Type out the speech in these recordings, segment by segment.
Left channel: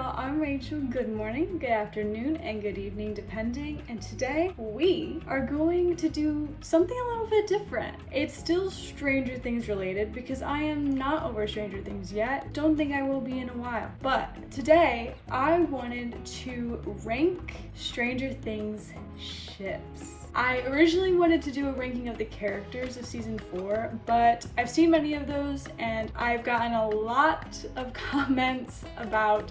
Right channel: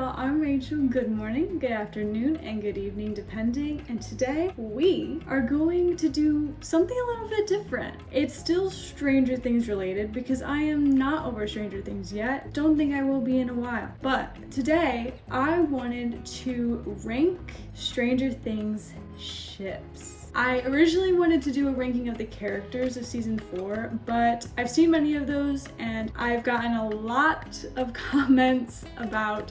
y'all, I'm Rachel. Good morning, good afternoon, and good evening depending. And today we are going to do something a little bit different. It's still Stranger Things related because I am not over Stranger Things yet. Don't think I will be in a while. But today I wanted to rank Stranger Things ships. I originally wanted to do a ranking of the characters of season 4, but I've seen many of those and I've gotten a lot of comments about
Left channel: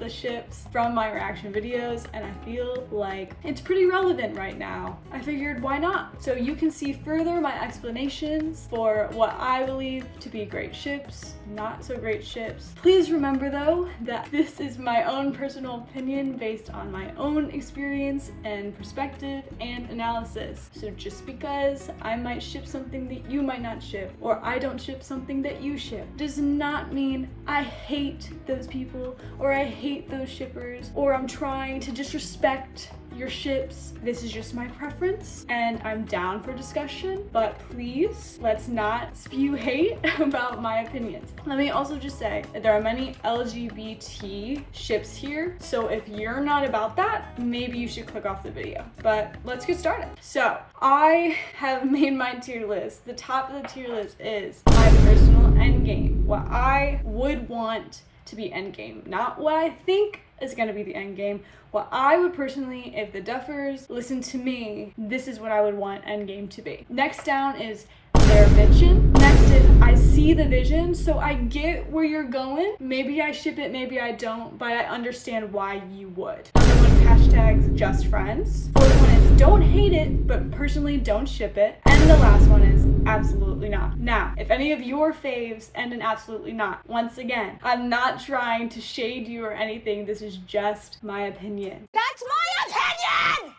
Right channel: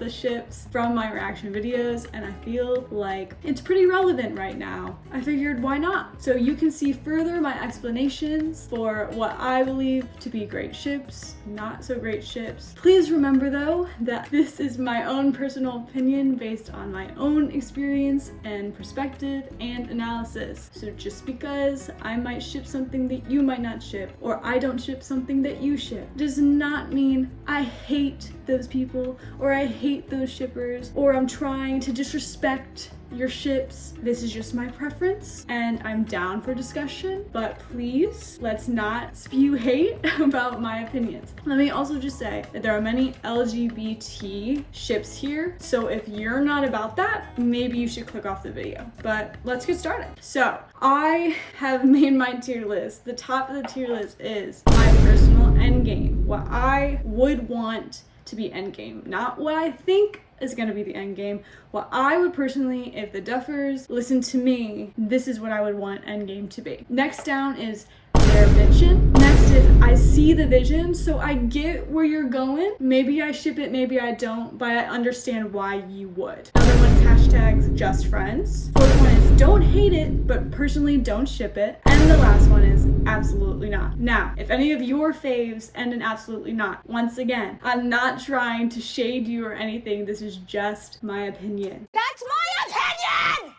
the ships from my reaction videos, and I feel like it's pretty relevant right now. I figured, why not? So you can see further my explanations for what I believe to be great ships, not so great ships. Please remember though that this is my own personal opinion based on my own experience and perspective and analysis. So just because I might ship something that you might not ship, or I don't ship something that you ship, does not mean I hate those people or I hate those shippers or I'm trying to disrespect your ships. This is just my preference and I'm down for discussion, but please let's not spew hate about my opinions. Let me also just say that there are many LGBT ships here, so if you're not about that, maybe you should click off the video. But let's get started. So I have made my tier list. The top of the tier list is my personal endgame, what I would want to be endgame, not what I think is gonna be the end game. What I would personally, if the Duffers listen to me, this is what I would want endgame to be. Next down is their vision. Next is I see the vision, so I get where you're going. Maybe I ship it, maybe I don't, but I understand why you would. Another one is hashtags just friends. Fourth one is don't hate it, but personally don't ship it. And the last one is absolutely not. Now, if any of your faves end in absolutely not, once again, I'm not trying to shade you or anything. This is just my opinion. That's my opinion!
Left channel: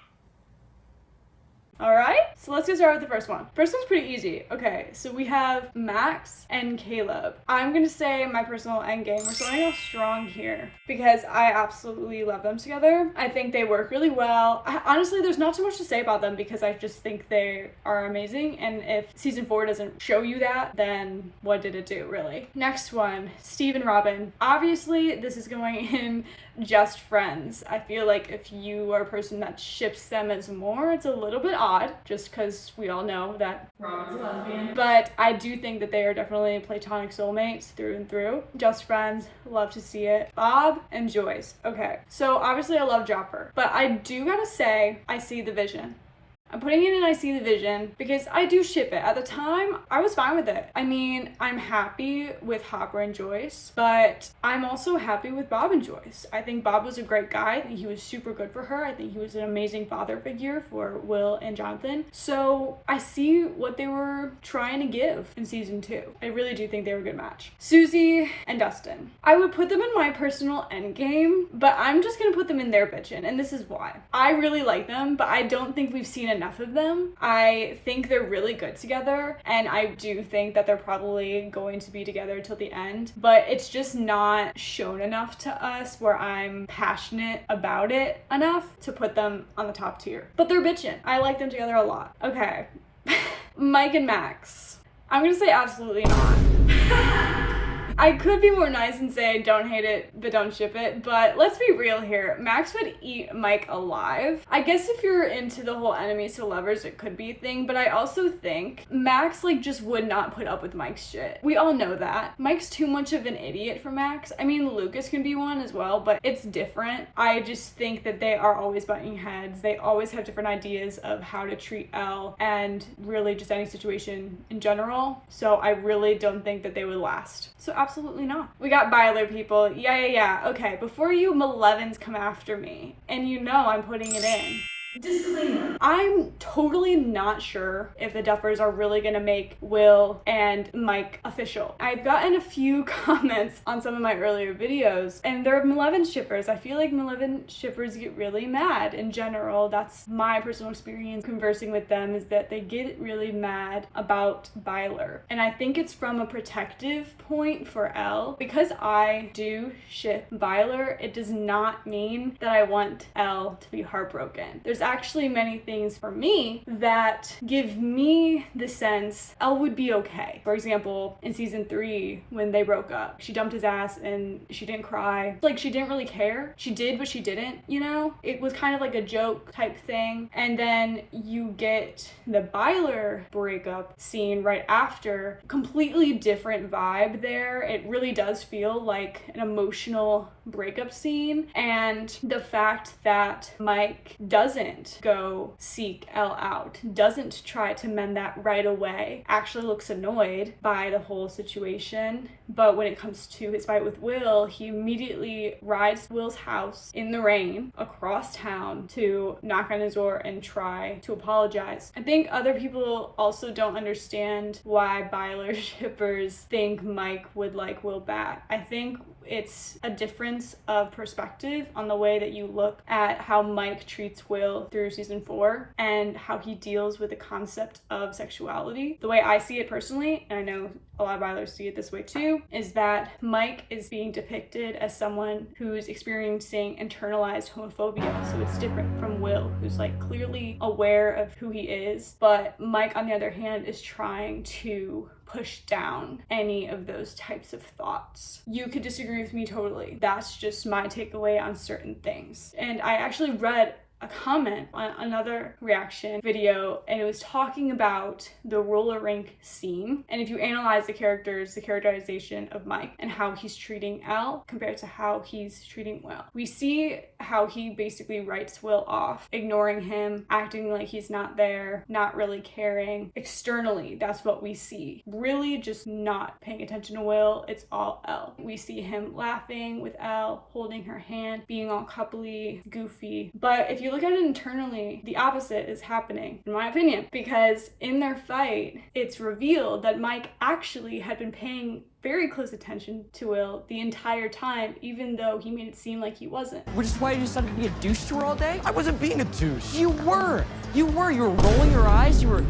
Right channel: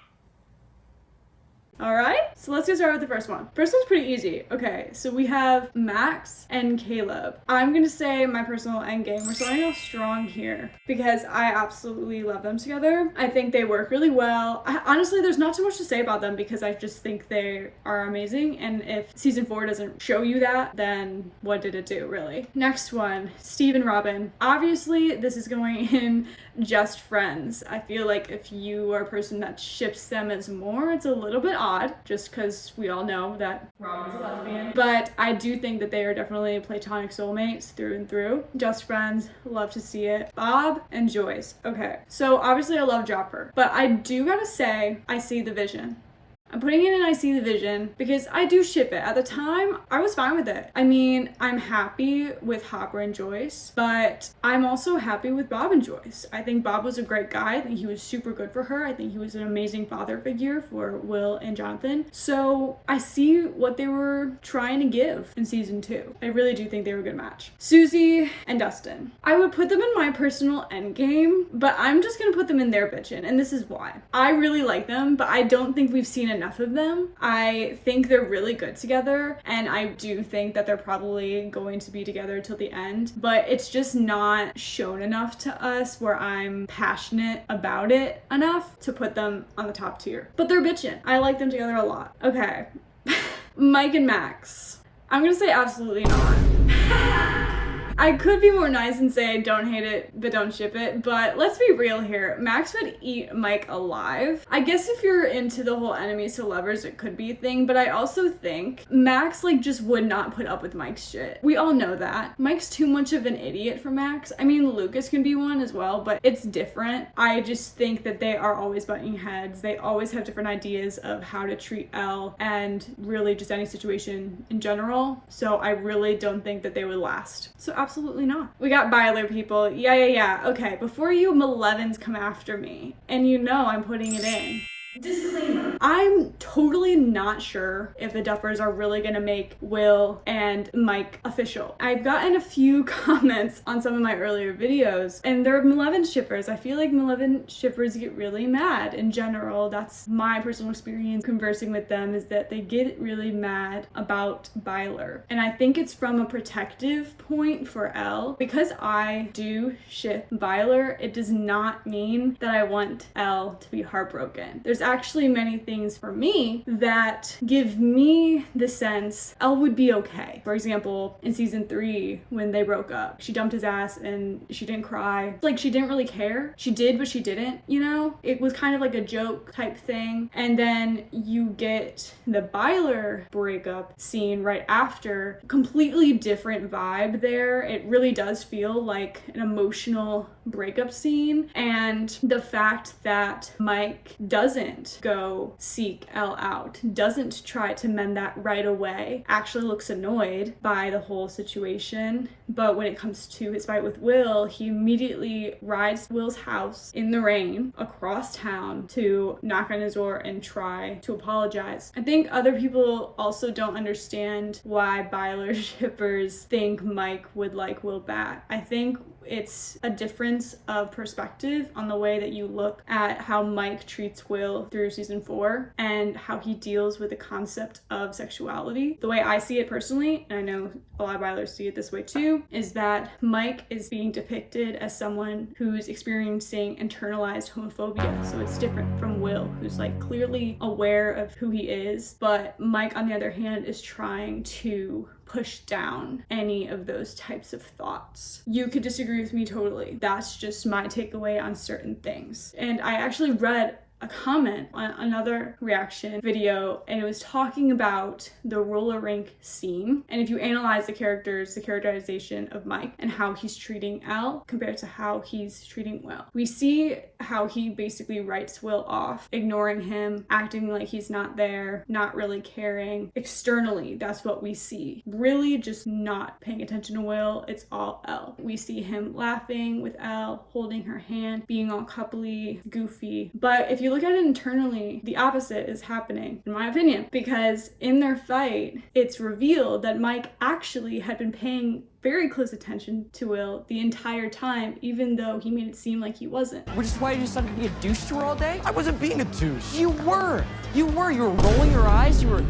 All right, so let's get started with the first one. First one's pretty easy. Okay, so we have Max and Caleb. I'm gonna say my personal endgame. We're starting off strong here because I absolutely love them together. I think they work really well. Honestly, there's not too much to say about them because I just think they are amazing. And if season 4 doesn't show you that, then what did it do, really? Next one, Steve and Robin. Obviously, this is going in just friends. I feel like if you are a person that ships them as more, it's a little bit odd, just because we all know that Robin's a lesbian. But I do think that they are definitely platonic soulmates through and through. Just friends, love to see it. Bob and Joyce. Okay, so obviously I love Jopper, but I do gotta say I see the vision. I'm putting it in I see the vision because I do ship it. At the time, I was fine with it. I mean, I'm happy with Hopper and Joyce, but I'm also happy with Bob and Joyce. I think Bob was a great guy. I think he was super good for her. I think he was an amazing father figure for Will and Jonathan. So I see what they were trying to give in season 2. I really do think they were a good match. Susie and Dustin. I would put them in my personal endgame, but I'm just gonna put them in their bitchin', and this is why. I really like them, but I don't think we've seen enough of them. I think they're really good together, and I do think that they're probably going to be together till the end, but it's just not shown enough to us where I'm passionate about it enough to put them on the top tier. But they're bitchin'. I like them together a lot. Okay. Mike and Max. I'm gonna say absolutely not. I could be more nice and say don't hate it, but don't ship it, but let's be real here. Max would eat Mike alive. I guess if you're into the whole enemies to lovers, it could be a thing, but I also think Max just would not put up with Mike's shit. We all know that. Mike's too much of an idiot for Max. I mean, Lucas can be one as well, but it's different. I just think that they are always butting heads. They always have different ideas of how to treat Elle and really just any situation in general. So I really don't think that they would last. So absolutely not. We got Byler, people. Yeah. Okay, before you Milevens come after me, and you know I'm putting it in. Disclaimer. I'm totally not sure if the Duffers are really gonna make Will and Mike official. I've gotten a few comments on some of my earlier videos, and they're Mileven shippers. I feel like Mileven shippers get really mad in general. That's my personal experience conversing with them, is that they get really mad about Byler. And I think it's from a protective point for Elle. Because I do ship Byler, it does not mean that I want Elle to be heartbroken. There's actually many things for me that give me the sense Elle would be okay. For example, in season 3, when they broke up, she dumped his ass and she didn't cry. Like, she didn't really care. She did, but she didn't, you know? It was kind of like a joke type thing. And then you get the Byler breakup scene right after. Completely different vibe there. It really does feel like an emotional breakup scene. And the fact that Mike doesn't go seek Elle out, doesn't try to mend that right away, actually looks annoyed by the whole situation. But when it comes to his fight with Will, he immediately rides to Will's house in the rain across town to knock on his door and try to apologize. I think other people also don't understand why Byler shippers think Mike would like Will back. I think it's a difference of perspective on the way that you look at how Mike treats Will through season 4 and how he deals with the concept of sexuality. The way I see it personally, and I know a lot of Bylers see it this way too, is that Mike is being depicted as someone who's experiencing internalized homophobia. So it's different from Will, who's like clearly aware of who he is, but Mike, on the other hand, is trying to push down any of those types of thoughts. You could disagree with me totally. That's just my takeaway on certain things. And I actually read a comment on another reaction video, and it was talking about the roller rink scene. And if you analyze the characters, the characterization of Mike and how he's treating Elle compared to how he's treating Will, we see how he basically writes Will off, ignoring him, acting like he's not there, not really caring. Externally, that's what we see. Really just not paying attention to Will. It's all Elle. We see him laughing with Elle, holding her hand, being all coupley, goofy. But if you look at it internally, the opposite is happening, in my opinion, because in their fight, it's revealed that Mike actually had been paying very close attention to Will the entire time, even though he made it seem like he wasn't. Which is why you decided to be a douche to her all day? I wasn't being a douche. You were. You were rolling your eyes. You were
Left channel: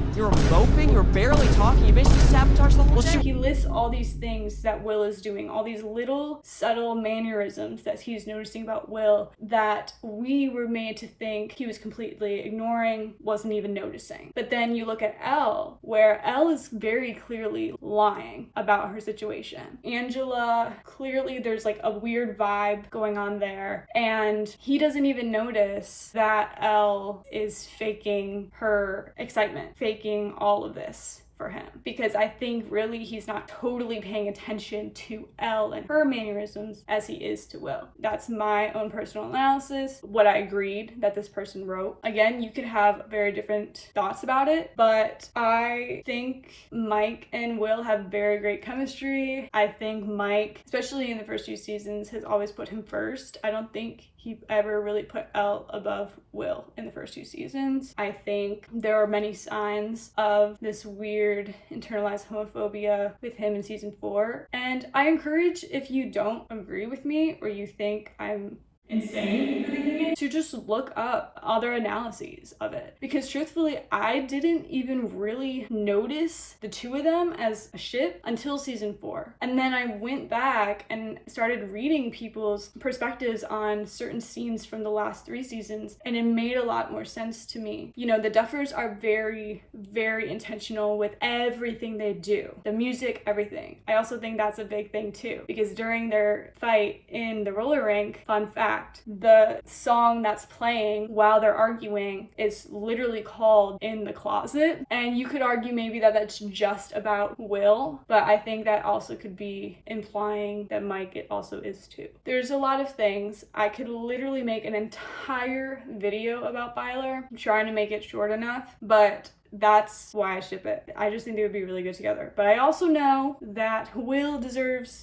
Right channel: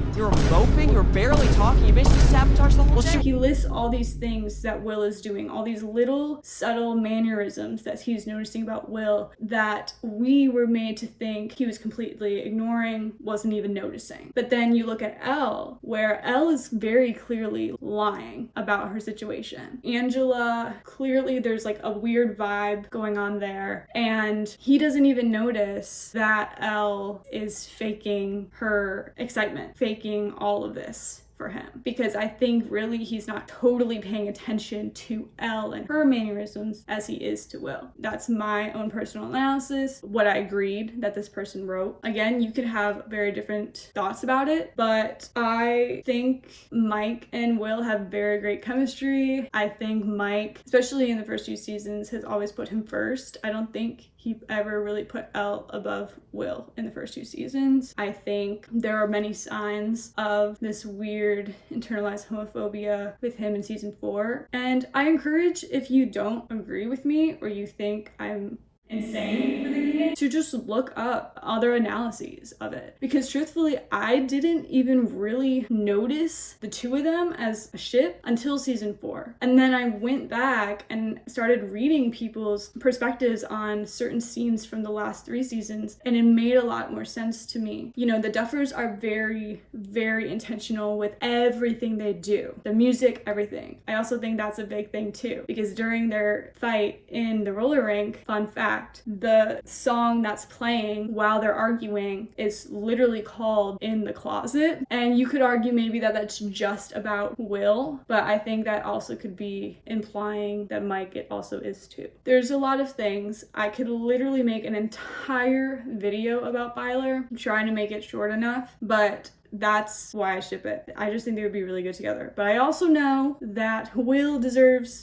moping. You were barely talking. You basically sabotaged the whole show. He lists all these things that Will is doing, all these little subtle mannerisms that he's noticing about Will that we were made to think he was completely ignoring, wasn't even noticing. But then you look at Elle, where Elle is very clearly lying about her situation. Angela, clearly there's like a weird vibe going on there, and he doesn't even notice that Elle is faking her excitement, faking all of this for him, because I think really he's not totally paying attention to Elle and her mannerisms as he is to Will. That's my own personal analysis, what I agreed that this person wrote. Again, you could have very different thoughts about it, but I think Mike and Will have very great chemistry. I think Mike, especially in the first few seasons, has always put him first. I don't think he ever really put Elle above Will in the first 2 seasons. I think there are many signs of this weird internalized homophobia with him in season 4. And I encourage, if you don't agree with me or you think I'm insane for thinking it, to just look up other analyses of it, because truthfully I didn't even really notice the two of them as a ship until season 4, and then I went back and started reading people's perspectives on certain scenes from the last 3 seasons, and it made a lot more sense to me. You know, the Duffers are very, very intentional with everything they do, the music, everything. I also think that's a big thing too, because during their fight in the roller rink, fun fact, the song that's playing while they're arguing is literally called In the Closet. And you could argue maybe that that's just about Will, but I think that also could be implying that Mike it also is too. There's a lot of things. I could literally make an entire video about Byler. I'm trying to make it short enough, but that's why I ship it. I just think they would be really good together. But I also know that Will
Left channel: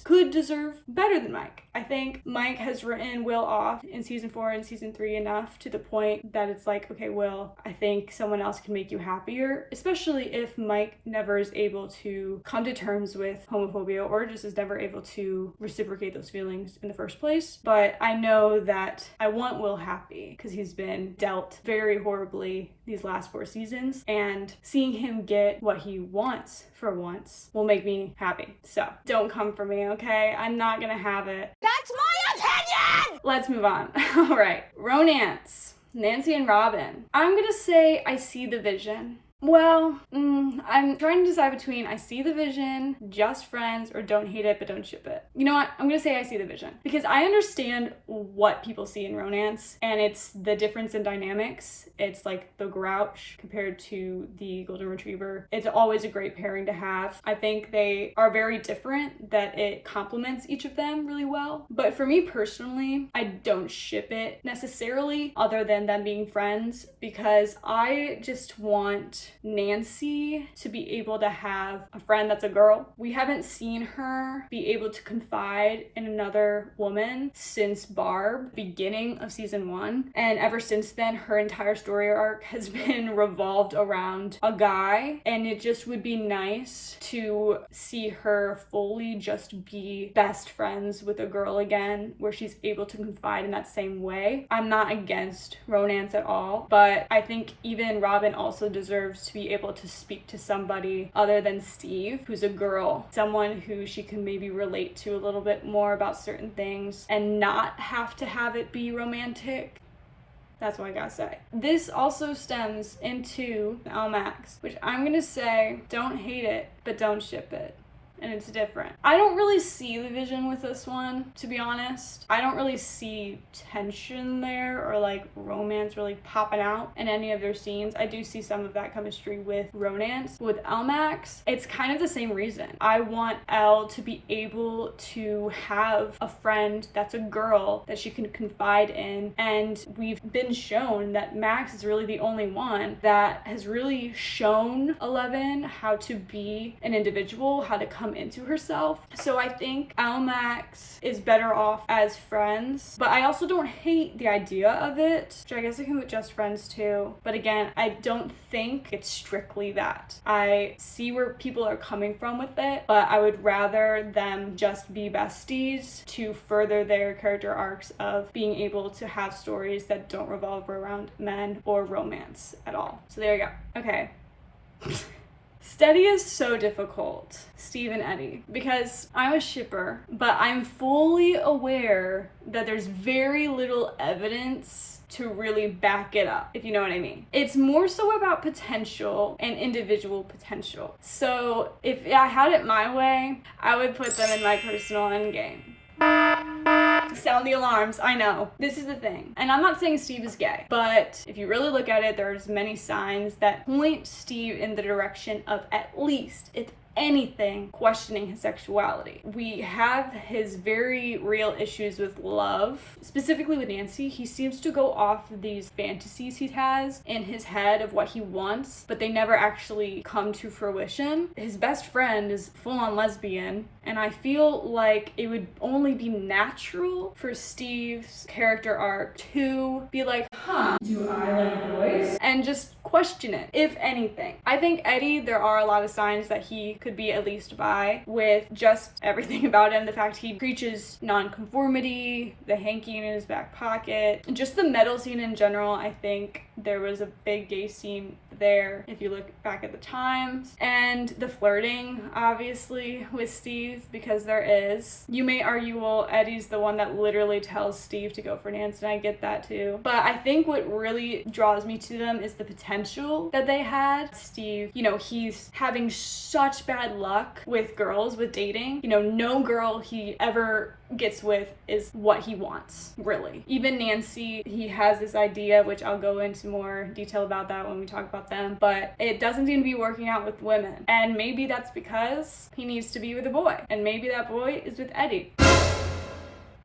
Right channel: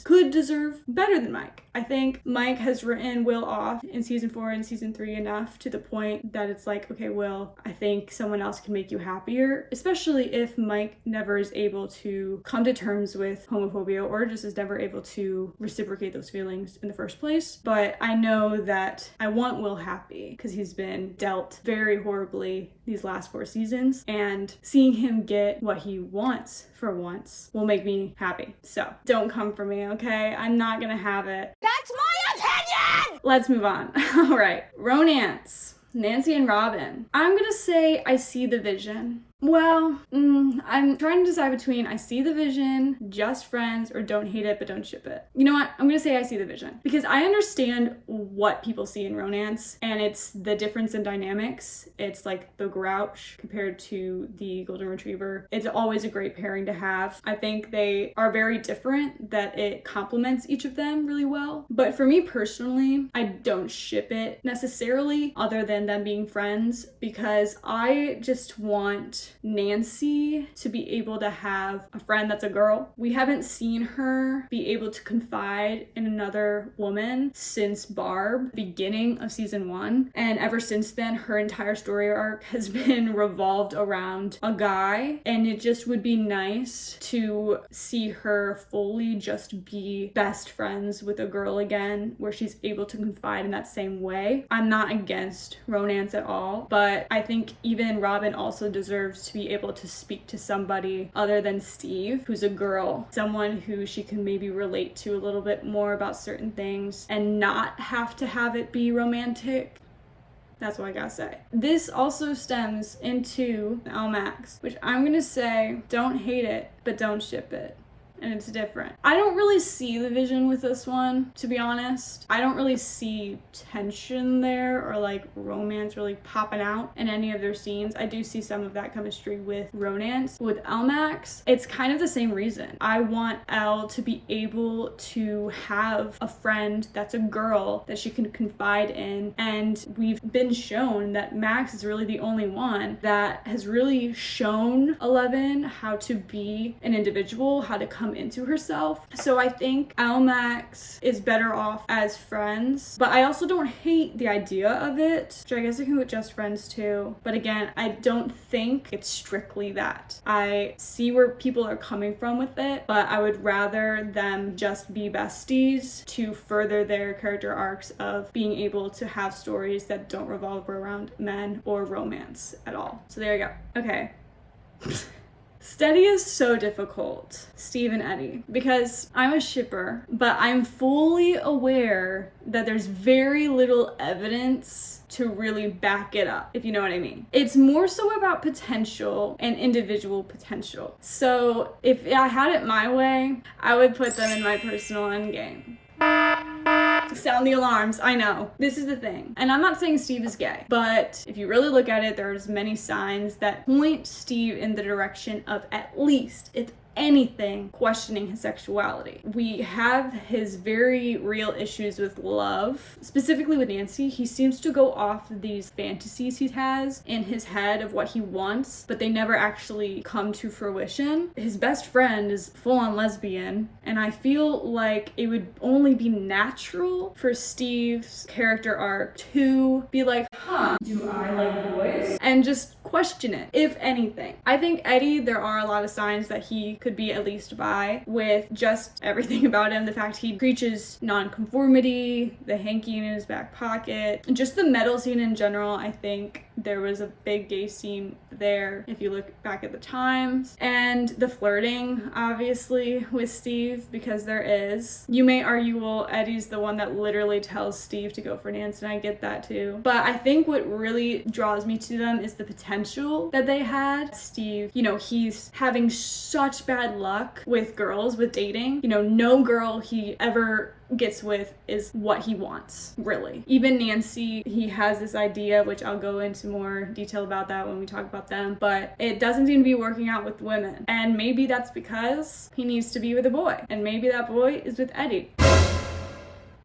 could deserve better than Mike. I think Mike has written Will off in season 4 and season 3 enough to the point that it's like, okay, Will, I think someone else can make you happier, especially if Mike never is able to come to terms with homophobia or just is never able to reciprocate those feelings in the first place. But I know that I want Will happy because he's been dealt very horribly these last 4 seasons, and seeing him get what he wants for once will make me happy. So don't come for me, okay? I'm not gonna have it. That's my opinion! Let's move on. All right, romance. Nancy and Robin. I'm gonna say I see the vision. Well, I'm trying to decide between I see the vision, just friends, or don't hate it but don't ship it. You know what? I'm gonna say I see the vision because I understand what people see in romance, and it's the difference in dynamics. It's like the grouch compared to the golden retriever. It's always a great pairing to have. I think they are very different, that it complements each of them really well. But for me personally, I don't ship it necessarily other than them being friends, because I just want Nancy to be able to have a friend that's a girl. We haven't seen her be able to confide in another woman since Barb, beginning of season 1. And ever since then, her entire story arc has been revolved around a guy. And it just would be nice to see her fully just be best friends with a girl again, where she's able to confide in that same way. I'm not against romance at all, but I think even Robin also deserves to be able to speak to somebody other than Steve, who's a girl, someone who she can maybe relate to a little bit more about certain things and not have to have it be romantic. That's what I gotta say. This also stems into LMAX, which I'm gonna say don't hate it, but don't ship it. And it's different. I don't really see the vision with this one, to be honest. I don't really see tension there or like romance really popping out in any of their scenes. I do see some of that chemistry with romance. With LMAX, it's kind of the same reason. I want Elle to be able to have a friend that's a girl that she can confide in, and we've been shown that Max is really the only one that has really shown 11 how to be an individual, how to come into herself. So I think LMAX is better off as friends, but I also don't hate the idea of it, which I guess I can with just friends too. But again, I don't think it's strictly that. I see where people are coming from with it, but I would rather them just be besties to further their character arcs of being able to have stories that don't revolve around men or romance at all. So there you go. Okay. Steady is so difficult, Steve and Eddie, because I'm a shipper, but I'm fully aware that there's very little evidence to really back it up, if you know what I mean. It's more so about potential and individual potential. So if I had it my way, I would put them in my personal endgame. Sound the alarms, I know. This is the thing. And I'm not saying Steve is gay, but if you really look at it, there's many signs that point Steve in the direction of at least, if anything, questioning his sexuality. We have his very real issues with love, specifically with Nancy. He seems to go off of these fantasies he has in his head of what he wants, but they never actually come to fruition. His best friend is full-on lesbian, and I feel like it would only be natural for Steve's character arc to be like, do I like boys? And just question it, if anything. I think Eddie, there are a lot of signs that he could be at least bi, with just everything about him. The fact he preaches non-conformity, the hanky in his back pocket, and just the metal scene in general. I think there was a big gay scene there if you look back at the times. And the flirting, obviously, with Steve, because there is. You may argue, well, Eddie's the one that literally tells Steve to go for Nancy, and I get that too. But I think what really draws me to them is the potential that they had. Steve, you know, he's having such bad luck with girls, with dating. You know, no girl he ever gets with is what he wants, really. Even Nancy, he has this idea, which I'll go into more detail about that when we talk about them, but it doesn't seem to be working out with women. And maybe that's because he needs to be with a boy, and maybe that boy is with Eddie.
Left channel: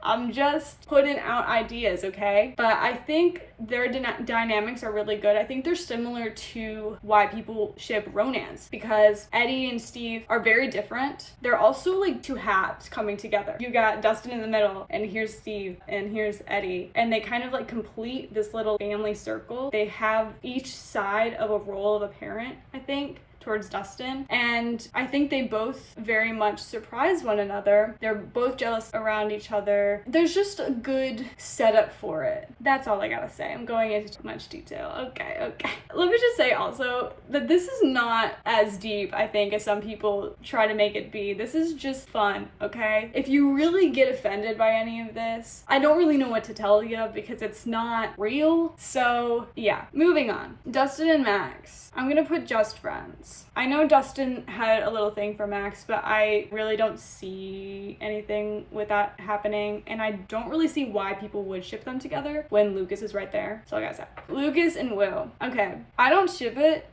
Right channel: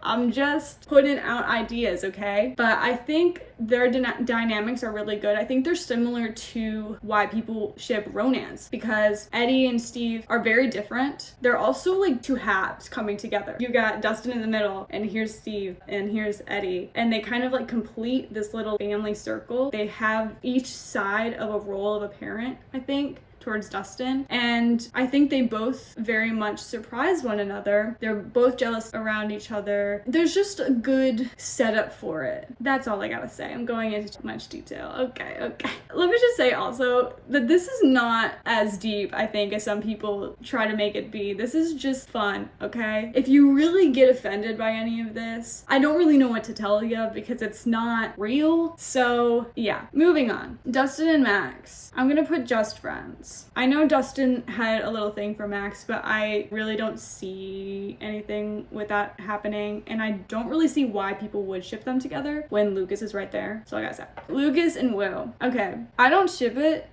I'm just putting out ideas, okay? But I think their dynamics are really good. I think they're similar to why people ship Ronans, because Eddie and Steve are very different. They're also like two halves coming together. You got Dustin in the middle, and here's Steve, and here's Eddie. And they kind of like complete this little family circle. They have each side of a role of a parent, I think, towards Dustin, and I think they both very much surprise one another. They're both jealous around each other. There's just a good setup for it. That's all I gotta say. I'm going into too much detail. Okay. Let me just say also that this is not as deep, I think, as some people try to make it be. This is just fun, okay? If you really get offended by any of this, I don't really know what to tell you because it's not real. So yeah, moving on. Dustin and Max. I'm gonna put just friends. I know Dustin had a little thing for Max, but I really don't see anything with that happening, and I don't really see why people would ship them together when Lucas is right there. So I gotta say, Lucas and Will. Okay, I don't ship it,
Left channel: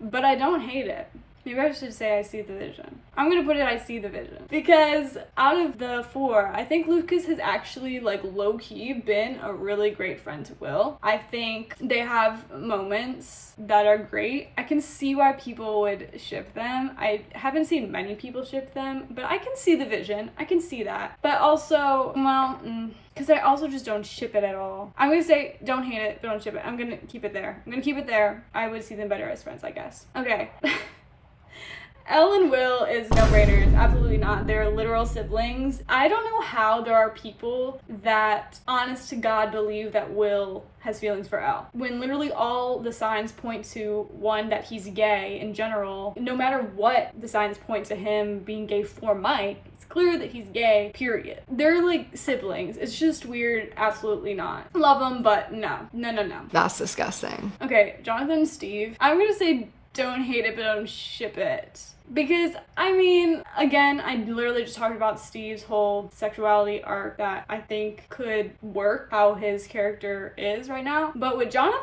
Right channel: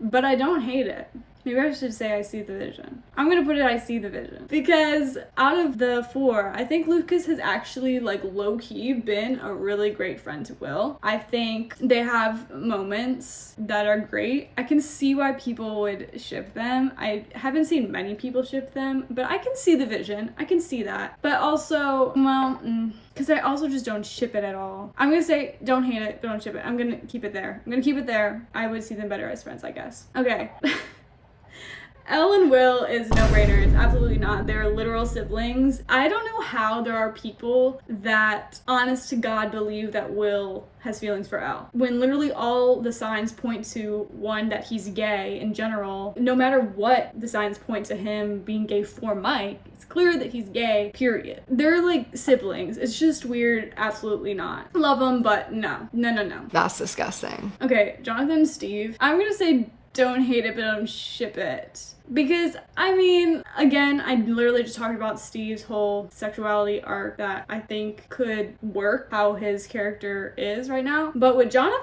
but I don't hate it. Maybe I should say I see the vision. I'm gonna put it I see the vision. Because out of the 4, I think Lucas has actually like low-key been a really great friend to Will. I think they have moments that are great. I can see why people would ship them. I haven't seen many people ship them, but I can see the vision. I can see that. But also, well, because I also just don't ship it at all. I'm gonna say don't hate it, but don't ship it. I'm gonna keep it there. I would see them better as friends, I guess. Okay. Elle and Will is no-brainer. It's absolutely not. They're literal siblings. I don't know how there are people that, honest to God, believe that Will has feelings for Elle. When literally all the signs point to, one, that he's gay in general. No matter what the signs point to him being gay for Mike, it's clear that he's gay, period. They're like siblings. It's just weird. Absolutely not. Love them, but no. No. That's disgusting. Okay, Jonathan and Steve. I'm gonna say don't hate it, but don't ship it. Because, I mean, again, I literally just talked about Steve's whole sexuality arc that I think could work how his character is right now. But with Jonathan,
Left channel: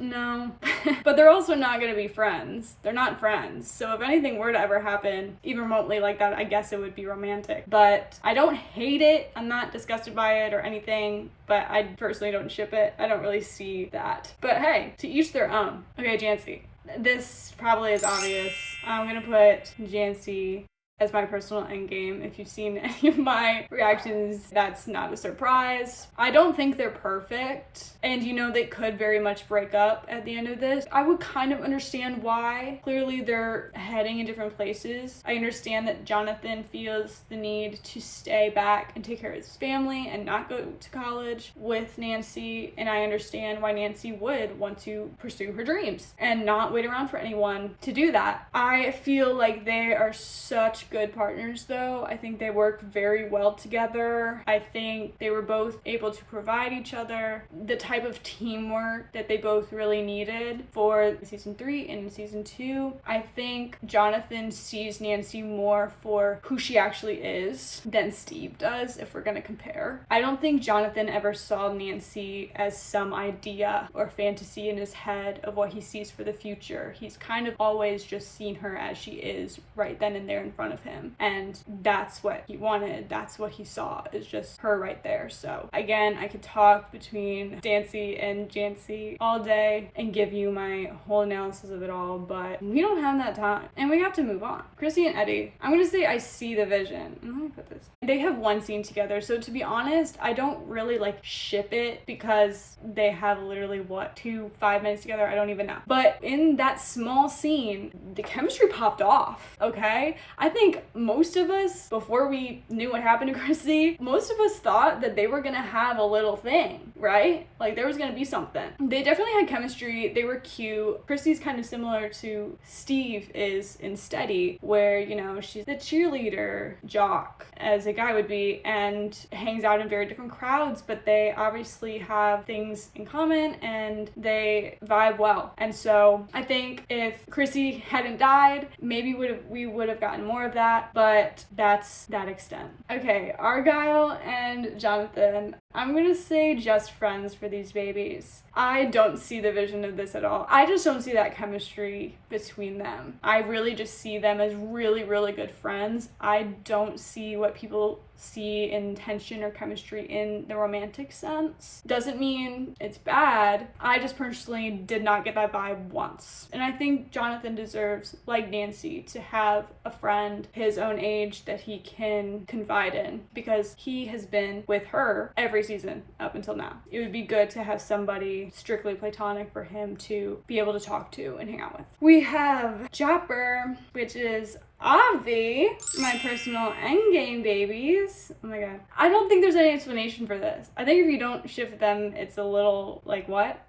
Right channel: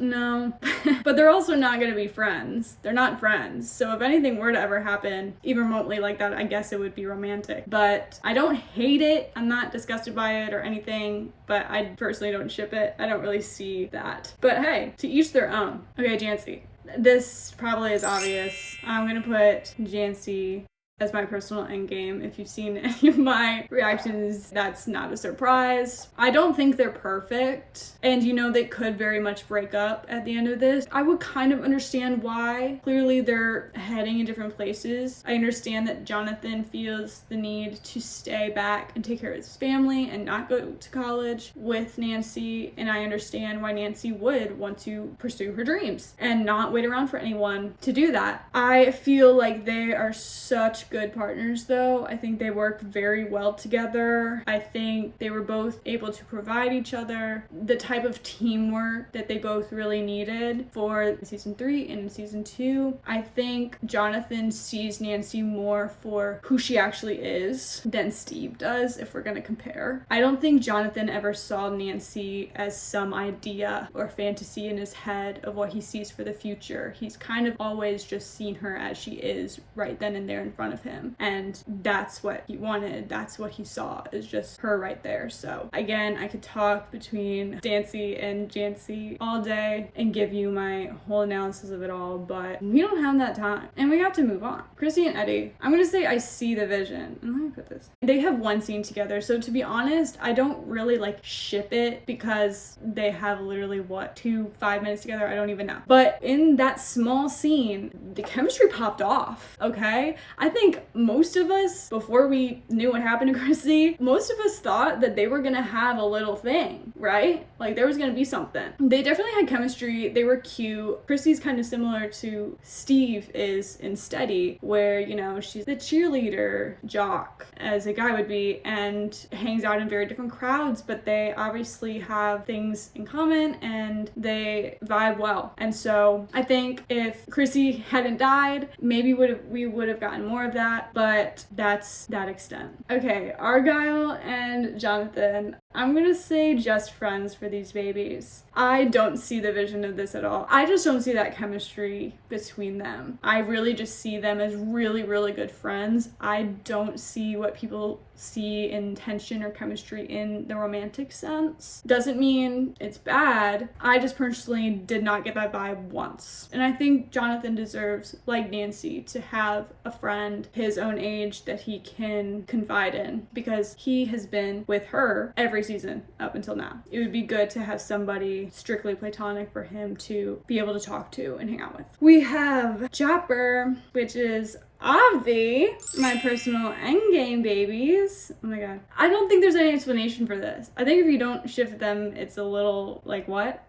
no. But they're also not gonna be friends. They're not friends. So if anything were to ever happen, even remotely like that, I guess it would be romantic. But I don't hate it. I'm not disgusted by it or anything, but I personally don't ship it. I don't really see that. But hey, to each their own. Okay, Jancy. This probably is obvious. I'm gonna put Jancy as my personal endgame. If you've seen any of my reactions, that's not a surprise. I don't think they're perfect, and you know they could very much break up at the end of this. I would kind of understand why. Clearly they're heading in different places. I understand that Jonathan feels the need to stay back and take care of his family and not go to college with Nancy, and I understand why Nancy would want to pursue her dreams and not wait around for anyone to do that. I feel like they are such good partners though. I think they work very well together. I think they were both able to provide each other the type of teamwork that they both really needed for season 3 and season 2. I think Jonathan sees Nancy more for who she actually is than Steve does, if we're gonna compare. I don't think Jonathan ever saw Nancy as some idea or fantasy in his head of what he sees for the future. He's kind of always just seen her as she is right then and there in front of him, and that's what he wanted. That's what he saw, is just her right there. So again, I could talk between Stancy and Jancy all day and give you my whole analysis of it all, but we don't have that time and we have to move on. Chrissy and Eddie, I'm gonna say I see the vision. Let me put this. They have one scene together, so to be honest, I don't really like ship it because they have literally 5 minutes together. I don't even know, but in that small scene the chemistry popped off. Okay, I think most of us, before we knew what happened to Chrissy, most of us thought that they were gonna have a little thing, right? Like there was gonna be something. They definitely had chemistry. They were cute. Chrissy's kind of similar to Steve is in Steady, where, you know, she's the cheerleader jock, as a guy would be, and hangs out in very different crowds, but they obviously have things in common and they vibe well. And so I think if Chrissy hadn't died, maybe we would have gotten more of that, but that's that extent. Okay, Argyle and Jonathan. I'm gonna say just friends for these babies. I don't see the vision of this at all. I just don't see that chemistry between them. I really just see them as really, really good friends. I don't see what people see in tension or chemistry in the romantic sense. Doesn't mean it's bad. I just personally did not get that vibe once. And I think Jonathan deserves, like Nancy, to have a friend and his own age that he can confide in, because he has been with her every season up until now. It would be good to have somebody strictly platonic for him to be able to talk to and hang out with. We have Japper, which is Avi, my personal endgame babies. Oh my god. I don't think there's any explanation for this. I think if you don't shift them, it's a little like, what?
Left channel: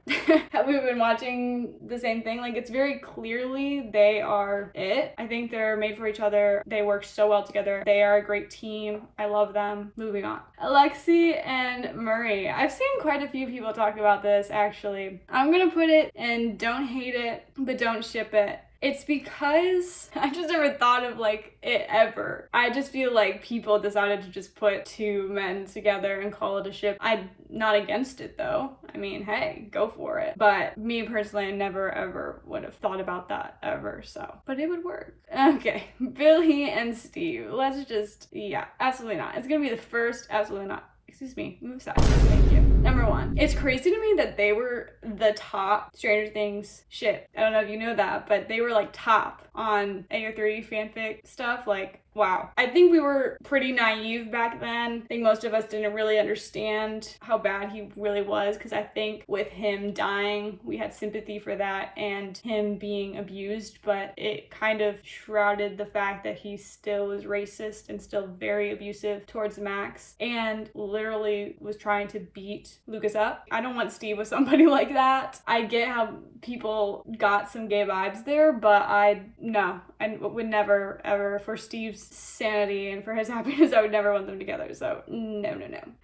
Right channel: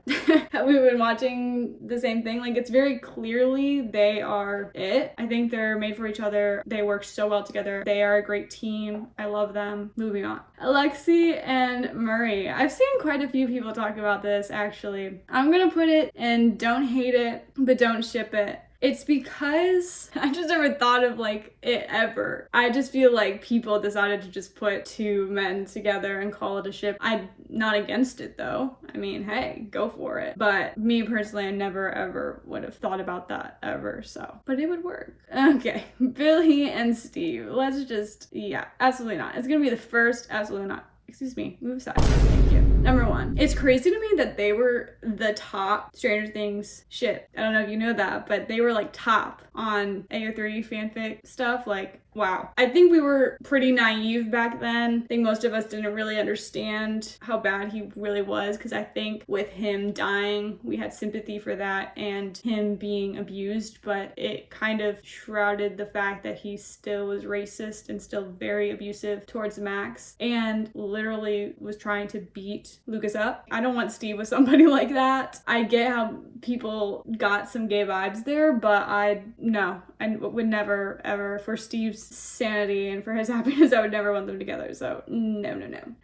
Have we been watching the same thing? Like, it's very clearly they are it. I think they're made for each other. They work so well together. They are a great team. I love them. Moving on. Alexi and Murray. I've seen quite a few people talk about this, actually. I'm gonna put it in don't hate it, but don't ship it. It's because I just never thought of like it ever. I just feel like people decided to just put two men together and call it a ship. I'm not against it though. I mean, hey, go for it. But me personally, I never ever would have thought about that ever, so. But it would work. Okay, Billy and Steve. Let's just, yeah, absolutely not. It's gonna be the first, absolutely not. Excuse me, move aside. Thank you. Number one, it's crazy to me that they were the top Stranger Things ship. I don't know if you know that, but they were like top on AO3 fanfic stuff. Like, wow. I think we were pretty naive back then. I think most of us didn't really understand how bad he really was, because I think with him dying, we had sympathy for that and him being abused, but it kind of shrouded the fact that he still was racist and still very abusive towards Max and literally was trying to beat Lucas up. I don't want Steve with somebody like that. I get how people got some gay vibes there, but I would never ever, for Steve's sanity and for his happiness, I would never want them together. So no.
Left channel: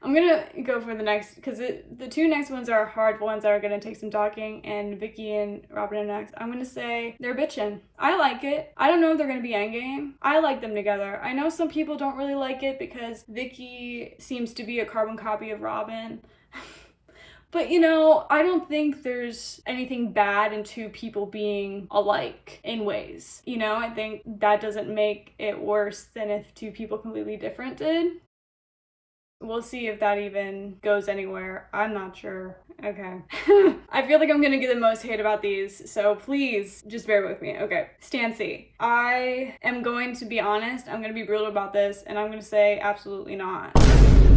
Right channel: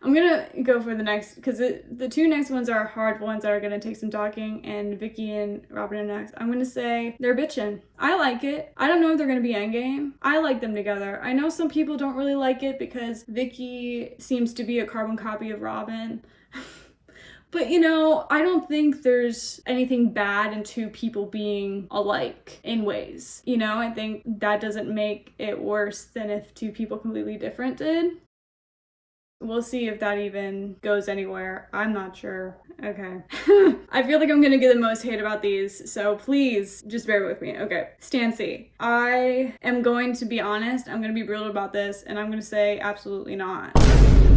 I'm gonna go for the next, because the two next ones are hard ones that are gonna take some talking, and Vicky and Robin are next. I'm gonna say they're bitchin'. I like it. I don't know if they're gonna be endgame. I like them together. I know some people don't really like it because Vicky seems to be a carbon copy of Robin. But you know, I don't think there's anything bad in two people being alike in ways. You know, I think that doesn't make it worse than if two people completely different did. We'll see if that even goes anywhere. I'm not sure. Okay. I feel like I'm gonna get the most hate about these, so please just bear with me. Okay. Stancy. I am going to be honest. I'm gonna be brutal about this, and I'm gonna say absolutely not.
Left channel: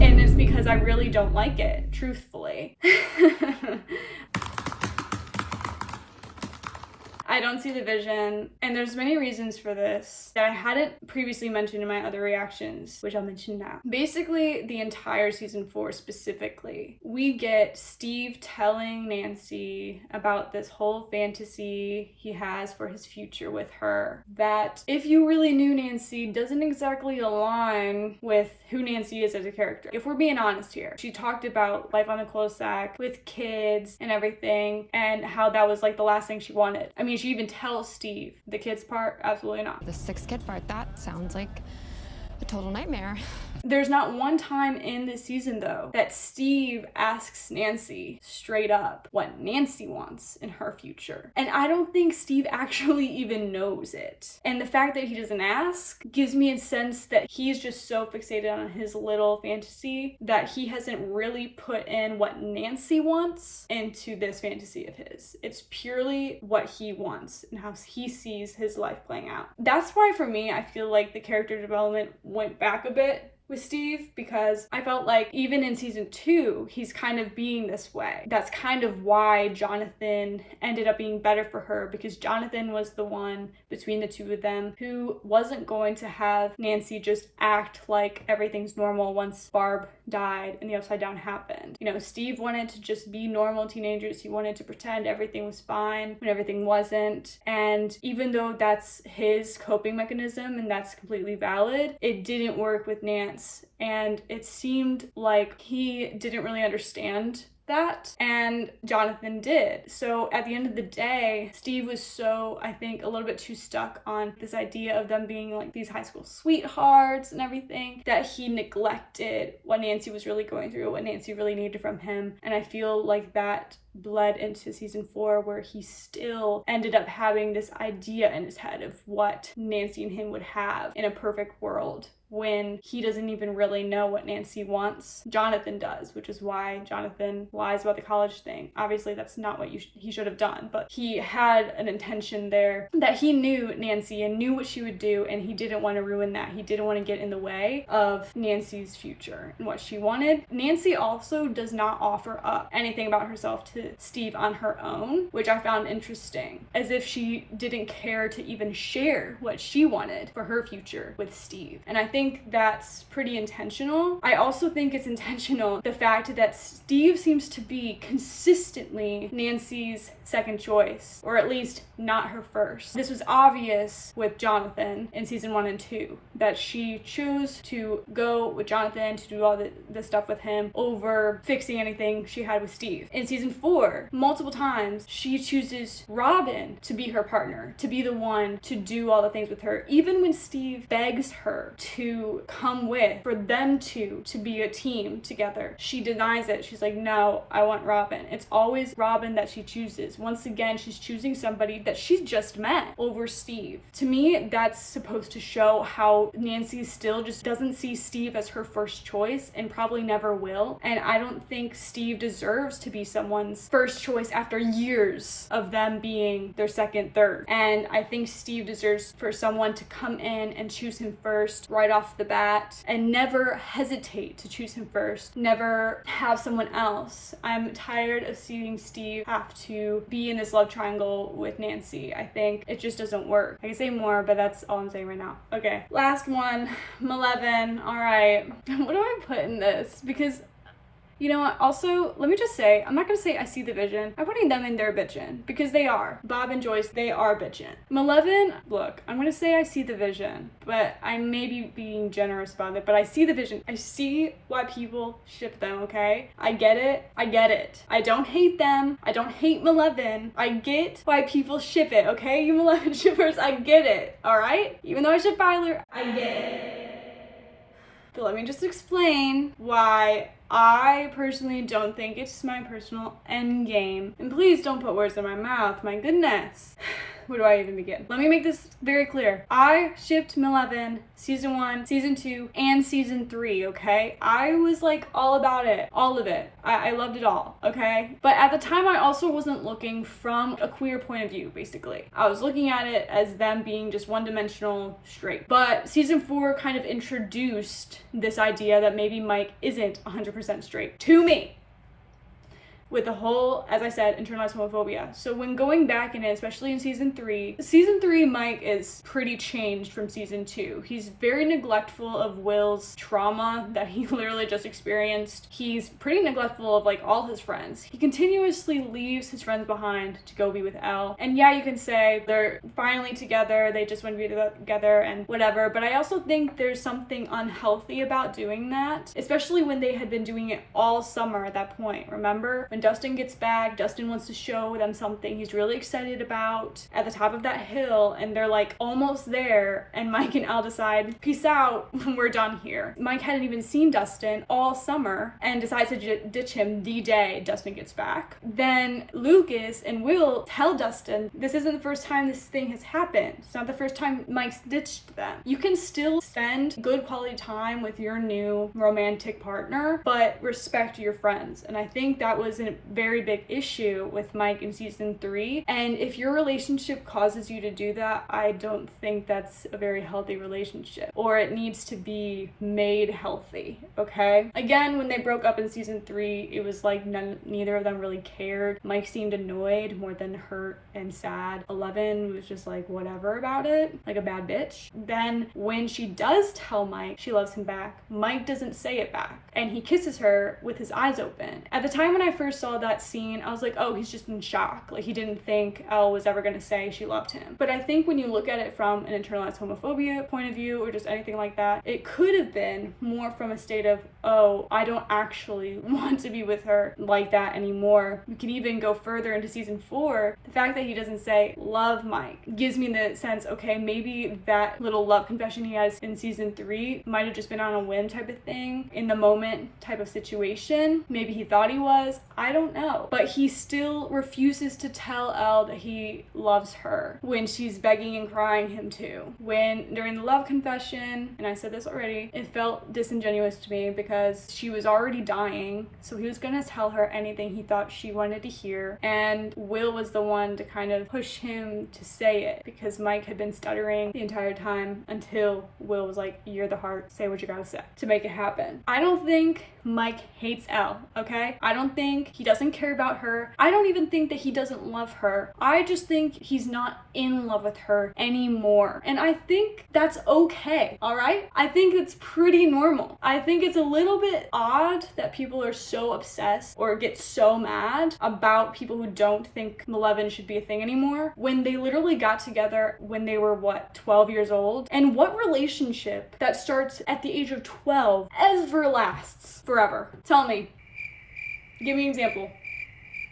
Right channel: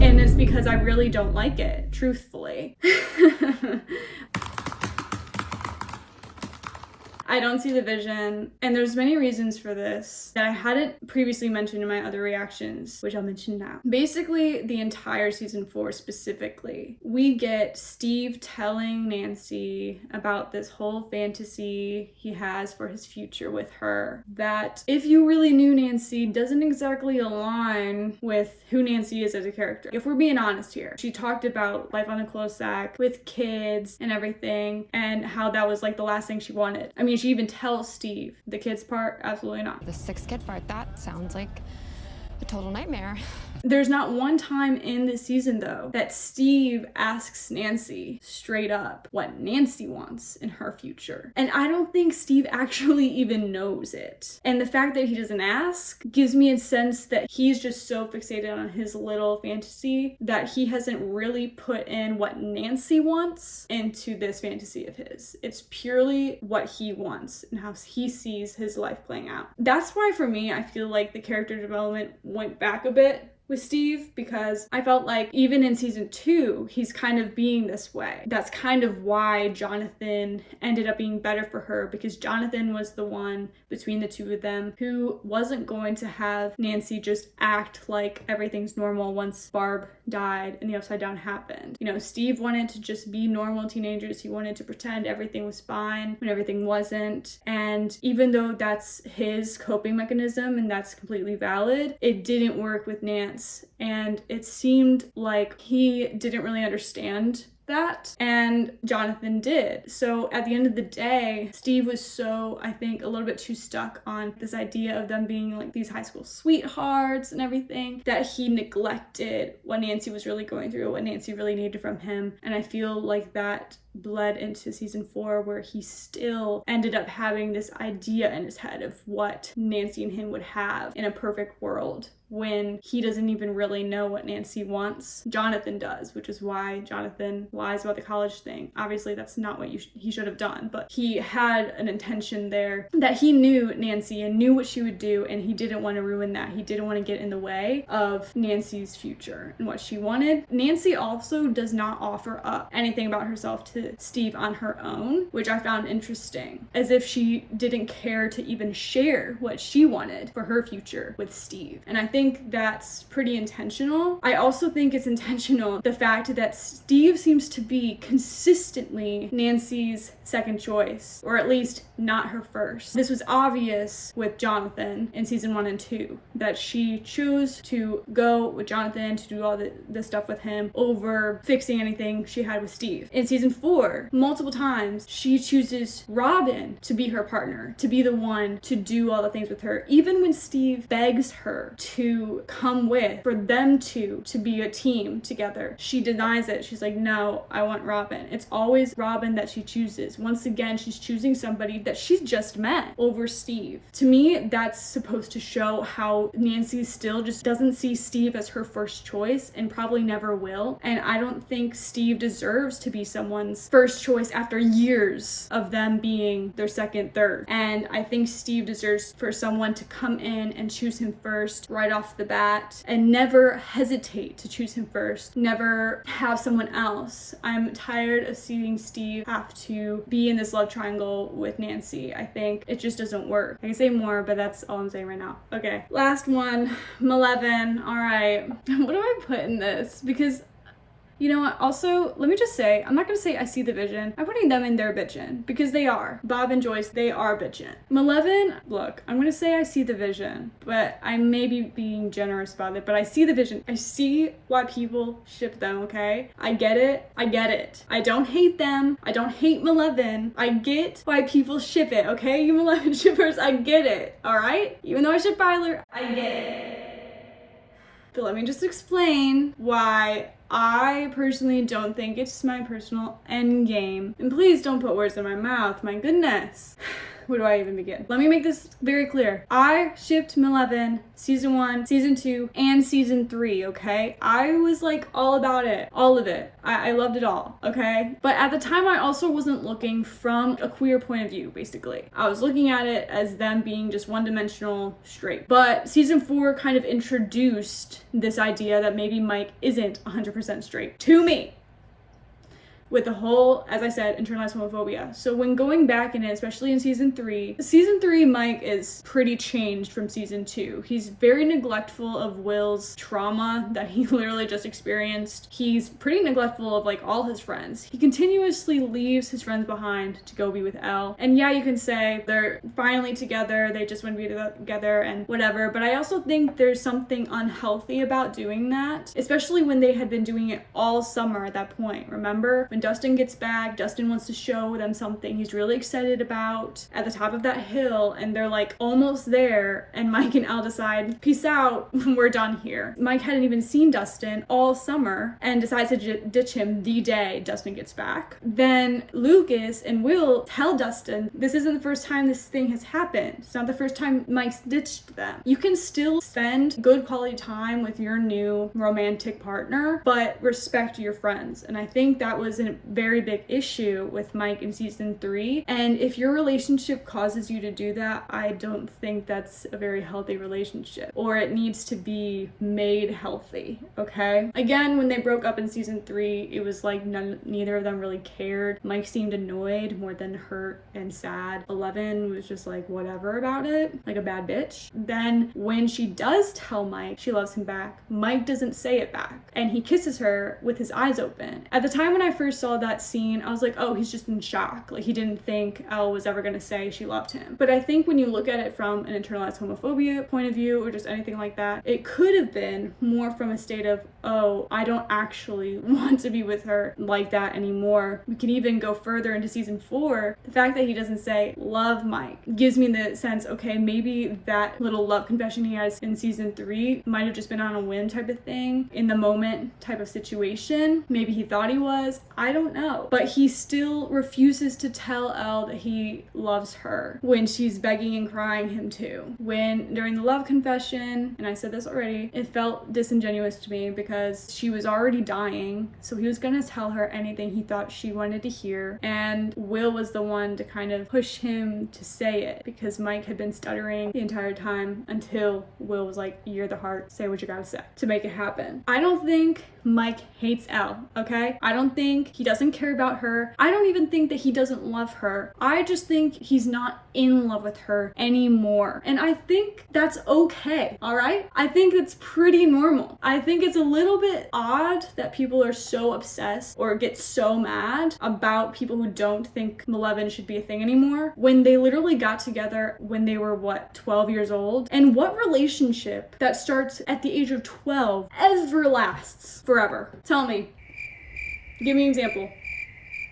And it's because I really don't like it, truthfully. I don't see the vision, and there's many reasons for this that I hadn't previously mentioned in my other reactions, which I'll mention now. Basically, the entire season 4 specifically, we get Steve telling Nancy about this whole fantasy he has for his future with her, that if you really knew Nancy, doesn't exactly align with who Nancy is as a character. If we're being honest here, she talked about life on the cul-de-sac with kids and everything, and how that was like the last thing she wanted. I mean, she even tells Steve the kids part, absolutely not. The 6 kid part, that sounds like a total nightmare. There's not one time in this season, though, that Steve asks Nancy straight up what Nancy wants in her future. And I don't think Steve actually even knows it. And the fact that he doesn't ask gives me a sense that he's just so fixated on his little fantasy that he hasn't really put in what Nancy wants into this fantasy of his. It's purely what he wants and how he sees his life playing out. That's why, for me, I feel like the character development went back a bit with Steve, because I felt like even in season 2, he's kind of being this way. That's kind of why Jonathan ended up being better for her, because Jonathan was the one between the two of them who wasn't going to have Nancy just act like everything's normal once Barb died and the upside down happened. You know, Steve wanted to just be normal teenagers. He wanted to pretend everything was fine when everything wasn't. And even though that's his coping mechanism and that's completely valid, it didn't work with Nancy. And it seemed like he didn't really understand that, and Jonathan did. So at the end of the day, Steve was so, I think, a little bit too stuck on this idea of them being like these high school sweethearts and everything, that he neglected what Nancy was really going through, what Nancy really needed from him. And I feel like that bled into season 4, where he still ended up having this idea in his head of what Nancy and him would have in a perfect world, when he doesn't even really know what Nancy wants. Jonathan does, which is why Jonathan lies about the college thing. Obviously, that's not what he should have done, but he had an intention there that he knew Nancy and knew what she would do, and he didn't want to ruin that. He didn't want to get in the way of Nancy's future and what she wanted. Nancy also does not offer up anything about herself to Steve on her own, which I found interesting, as if she didn't care to even share what she wanted for her future with Steve. And I think that's pretty intentional. I also think it's intentional the fact that Steve seems to be consistently Nancy's second choice, or at least not her first. This was obvious with Jonathan in season 1 and 2, that she chose to go with Jonathan to do all the stuff with him over fixing anything she had with Steve. In season 4, multiple times she chooses Robin to be her partner, to be the one to do all the things with her, even when Steve begs her to come with, for them to be a team together. She denies it. She's like, no, I want Robin. It's always Robin that she chooses. Once again, she's choosing somebody that she's just met over Steve. To me, that's supposed to show how Nancy still just doesn't see Steve as her first choice, and probably never will. And I don't think Steve deserves to be someone's first choice after years of them being their second, third. And I think Steve deserves for someone to come in and choose him first right off the bat, and never hesitate to choose him first, never have someone else. I'm tired of seeing Steve have to be in this love triangle with Nancy. I think it just doesn't work. I can say more, but that's all I'm saying right now. Okay, last one, Mileven. All right, what do I put in this? Because you know what? Also, let me just say, I'm not gonna say I see the vision. I'm putting them in their bitchin', because they are. Bob and Joyce, they are bitchin'. Mileven, look, I'm gonna say I see the vision, but I may be being generous about it, but I see the vision. I see why people ship them, okay? I get it. I get it. I don't hate them. I don't hate Mileven. I get why people ship it, okay? You Mileven shippers, I get it, all right? Even though I ship Byler, I get it. But let me just explain why I personally don't think it's my personal end game. And please don't put words in my mouth, my goodness. Where do I even begin? Let me make this very clear. I shipped Mileven season 1, season 2, and season 3, okay? I was like all about it, all of it. I loved it all, okay? But at the time, I also wasn't looking from a queer point of view, basically. I was looking at it as them being just one-dimensional straight. But season 4 kind of introduced this idea that maybe Mike isn't 100% straight to me, with the whole, as I said, internalized homophobia. So when going back in it, especially in season 3, Mike is pretty changed from season 2. He's very neglectful of Will's trauma that he literally just experienced. He's pretty neglectful of like all his friends. He continuously leaves his friends behind to go be with Elle. And yeah, you can say they're finally together, they just want to be together and whatever, but I also think there's something unhealthy about doing that, especially when they had been doing it all summer at that point. Remember? When Dustin gets back, Dustin wants to show them something he's really excited about at the top of that hill, and they're like almost there, and Mike and Elle decide, peace out, we're done here. Mike hadn't even seen Dustin all summer and decides to ditch him the day Dustin gets back. Then Lucas and Will tell Dustin, this isn't the first time this thing has happened. It's not the first time Mike's ditched them. You can still spend good quality time with your new romantic partner, but respect your friends. And I think that was a very big issue with Mike in season 3. And if your relationship causes you to do that, I don't think that's a very healthy relationship, or it needs to be made healthy, okay? Again, when they broke up in season 3, it was like neither of them really cared. Mike seemed annoyed more than hurt and sad. 11 was just like whatever about it, like a bad bitch. Then when she does tell Mike she loves him back, Mike doesn't say it back, and he kisses her with his eyes open. At the time when I first saw that scene, I was like, oh, he's just in shock. Like, he didn't think Elle was ever gonna say she loved him. But I think when you look at it from an internalized homophobia point of view, or just anything like that, it could have been more from a state of, oh, I don't actually want to be with her like that anymore. We can even go further into season 4. The fact that he doesn't say love Mike gives me the sense, okay, maybe that little love confession he has in season 3 might have just been on a whim type of thing, in the moment type of situation. Maybe he thought he was. I I don't know. But he still refuses to tell Elle that he loves her when she's begging and crying him to. When during the love confession, and I said this already, it felt disingenuous to me because she was already dying, so he was gonna tell her anything he thought she wanted to hear, and Will was the one to kind of push him to say it because Mike had been stuttering the entire time until Will was like, you're the heart, say what you gotta say to make it happen. I don't think Mike hates Elle, okay? I don't think he doesn't care about her. I don't even think that he doesn't love her. I just think he's not in love with her anymore. And I think that's okay, all right? I think it's pretty normal. I think it's a little bit odd that people are so obsessed or get so mad about people who don't think Mileven should be a thing anymore when they literally got together when they were, 12 years old? And what relationship that starts at the age of 12 ever lasts forever? Tell me. Give me an example.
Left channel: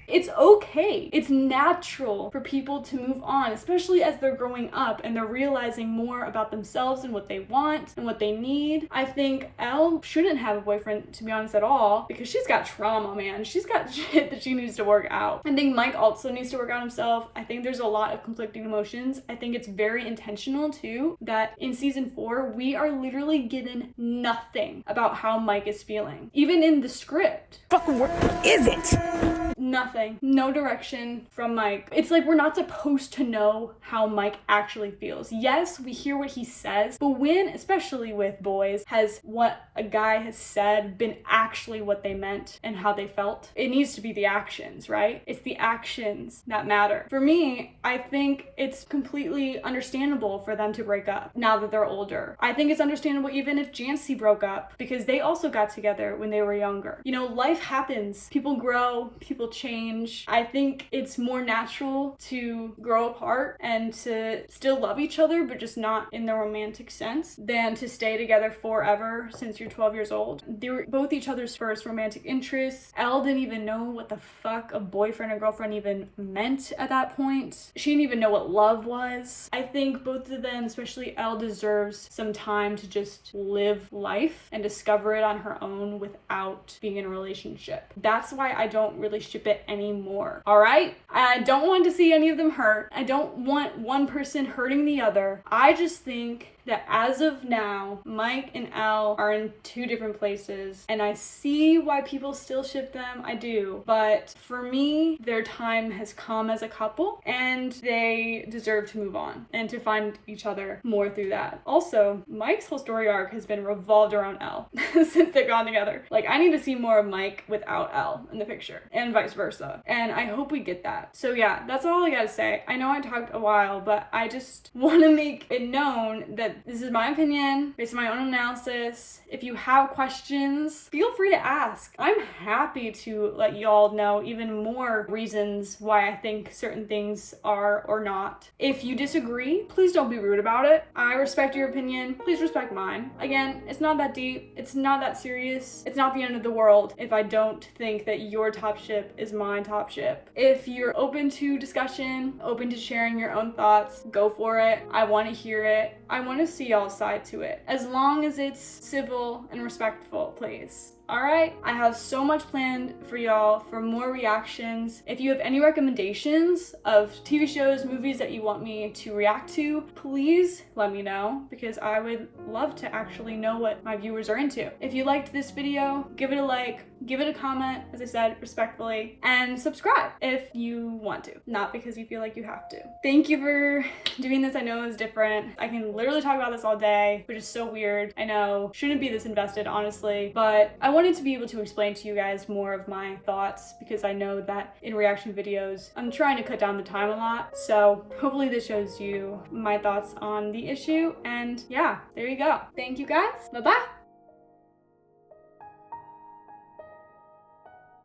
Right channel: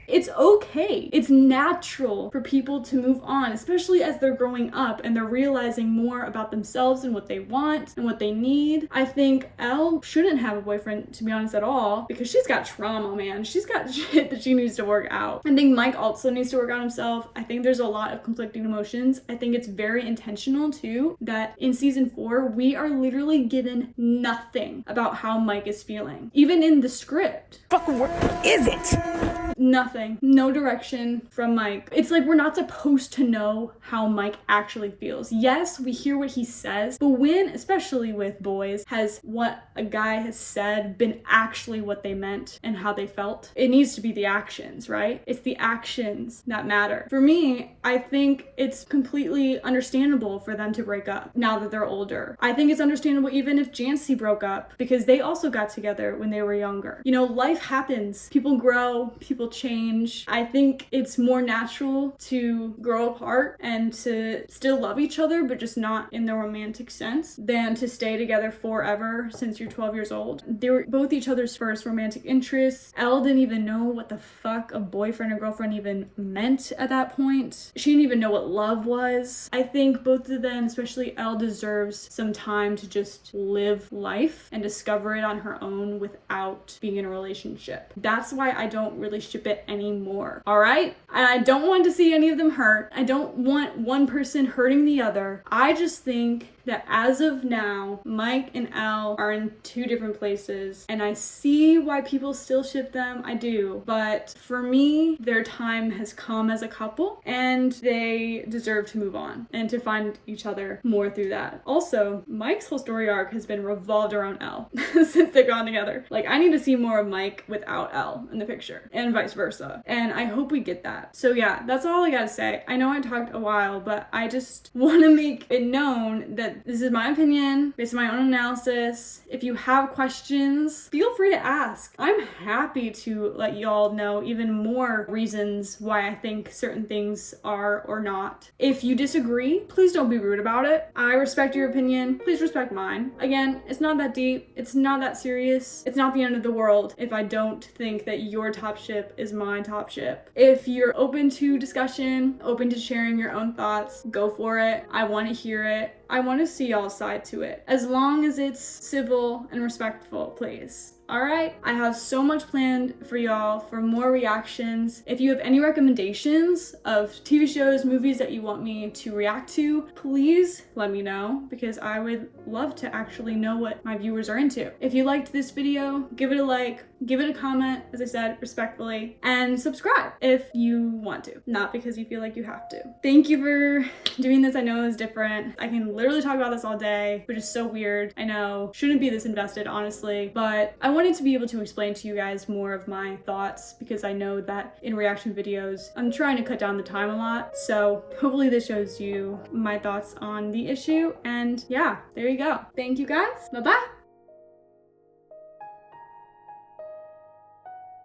It's okay. It's natural for people to move on, especially as they're growing up and they're realizing more about themselves and what they want and what they need. I think Elle shouldn't have a boyfriend, to be honest, at all, because she's got trauma, man. She's got shit that she needs to work out. I think Mike also needs to work out himself. I think there's a lot of conflicting emotions. I think it's very intentional, too, that in season 4, we are literally given nothing about how Mike is feeling. Even in the script. Fucking what is it? Nothing. No direction from Mike. It's like we're not supposed to know how Mike actually feels. Yes, we hear what he says, but when, especially with boys, has what a guy has said been actually what they meant and how they felt? It needs to be the actions, right? It's the actions that matter. For me, I think it's completely understandable for them to break up now that they're older. I think it's understandable even if Jancy broke up because they also got together when they were younger. You know, life happens. People grow, people change. I think it's more natural to grow apart and to still love each other, but just not in the romantic sense, than to stay together forever since you're 12 years old. They were both each other's first romantic interests. Elle didn't even know what the fuck a boyfriend or girlfriend even meant at that point. She didn't even know what love was. I think both of them, especially Elle, deserves some time to just live life and discover it on her own without being in a relationship. That's why I don't really ship it anymore, all right? And I don't want to see any of them hurt. I don't want one person hurting the other. I just think that as of now, Mike and Elle are in two different places, and I see why people still ship them. I do. But for me, their time has come as a couple, and they deserve to move on and to find each other more through that. Also, Mike's whole story arc has been revolved around Elle since they've gone together. Like, I need to see more of Mike without Elle in the picture, and vice versa. And I hope we get that. So yeah, that's all I gotta say. I know I talked a while, but I just want to make it known that this is my opinion based on my own analysis. If you have questions, feel free to ask. I'm happy to let y'all know even more reasons why I think certain things are or not. If you disagree, please don't be rude about it. I respect your opinion. Please respect mine. Again, it's not that deep. It's not that serious. It's not the end of the world if I don't think that your top ship is my top ship. If you're open to discussion, open to sharing your own thoughts, go for it. I want to hear it. I want to see y'all's side to it. As long as it's civil and respectful, please. Alright, I have so much planned for y'all for more reactions. If you have any recommendations of TV shows, movies that you want me to react to, please let me know because I would love to actually know what my viewers are into. If you liked this video, give it a like, give it a comment, as I said, respectfully, and subscribe if you want to, not because you feel like you have to. Thank you for doing this. I know it's different. I can literally talk about this all day, which is so weird. I know, shouldn't be this invested, honestly, but I wanted to be able to explain to you guys more of my thoughts because I know that in reaction videos, I'm trying to cut down the time a lot. So hopefully this shows you my thoughts on the issue. And yeah, there you go. Thank you guys. Bye-bye.